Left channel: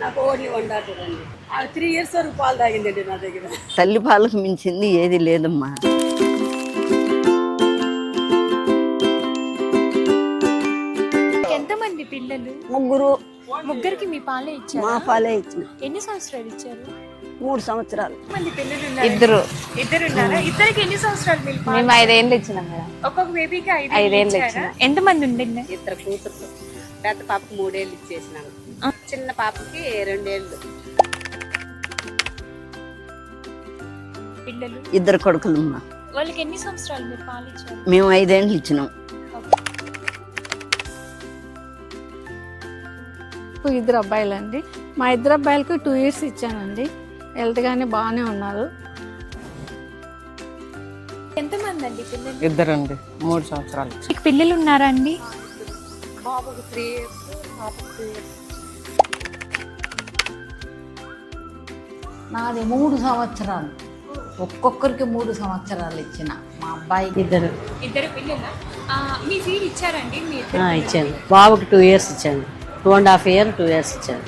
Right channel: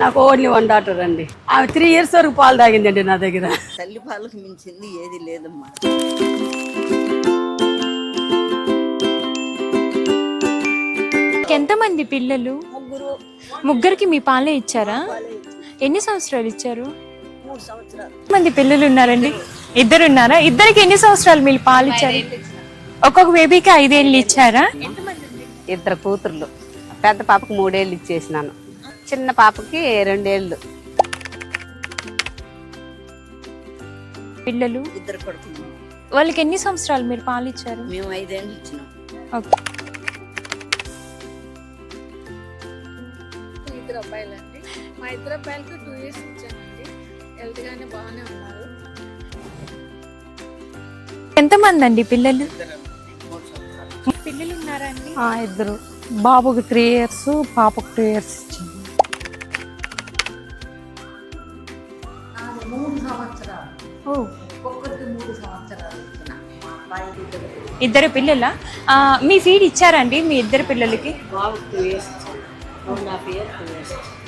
నాకు only 1 daughter అండి. ఆమె 3 years వరకు పాలు తాగిందండి నా దగ్గర. తల్లి పాలకు మించింది ఏది లేదమ్మా. ఎంతమంది పిల్లలు? ముగ్గురికి మీ పాలే ఇచ్చారా? పాలే ఇచ్చింది. ఎన్ని సంవత్సరాలు ఇచ్చారు? 3 సంవత్సరాలు. మంది పిల్లలు ఉన్నారండి? ఇద్దరు ఉన్నారా? ఇద్దరికి ఎన్ని సంవత్సరాలు మీరు పాలు? 5 ఏళ్ళు ఇచ్చినాం కదా. ఒక్కొక్క బేబీకి 5 ఏళ్ళు ఇచ్చారా? ఎంతమంది ఉండండి? 2 కూతుర్లు. పెద్ద పాపకి 3 ఏళ్ళు ఇచ్చేసినాను, చిన్న పాపకి 2 ఏళ్ళు. పిల్లలు 2 కొడుకులమ్మా. వాళ్ళకి ఎన్ని సంవత్సరాలు మీరు పాలు ఇచ్చారు? మేము 5 ఏళ్ళు ఇచ్చినాం. ఇద్దరు అబ్బాయిలండి. మా 2 అబ్బాయిలకి 2 years ఇచ్చానండి. హెల్త్ గానే బాగానే ఉన్నారు. ఎంతమంది అండి పిల్లలు? 2 అండి. 3 సంవత్సరాలు. మీకు పిల్లలు ఉన్నారా అండి? 2. బాబుకి 3 years, పాపకు 2 years ఇచ్చింది. నాది 3 సంవత్సరాలు. ఒక్కొక్కరికి 3 సంవత్సరాలు ఇచ్చిన. మా అబ్బాయికి ఇద్దరు పిల్లల. మీ ఫీడ్ ఇచ్చారండి మీ ఇద్దరు పిల్లలకి? బాబుకి 2 years ఇచ్చాను. 2.5 years 2 years ఇచ్చాను.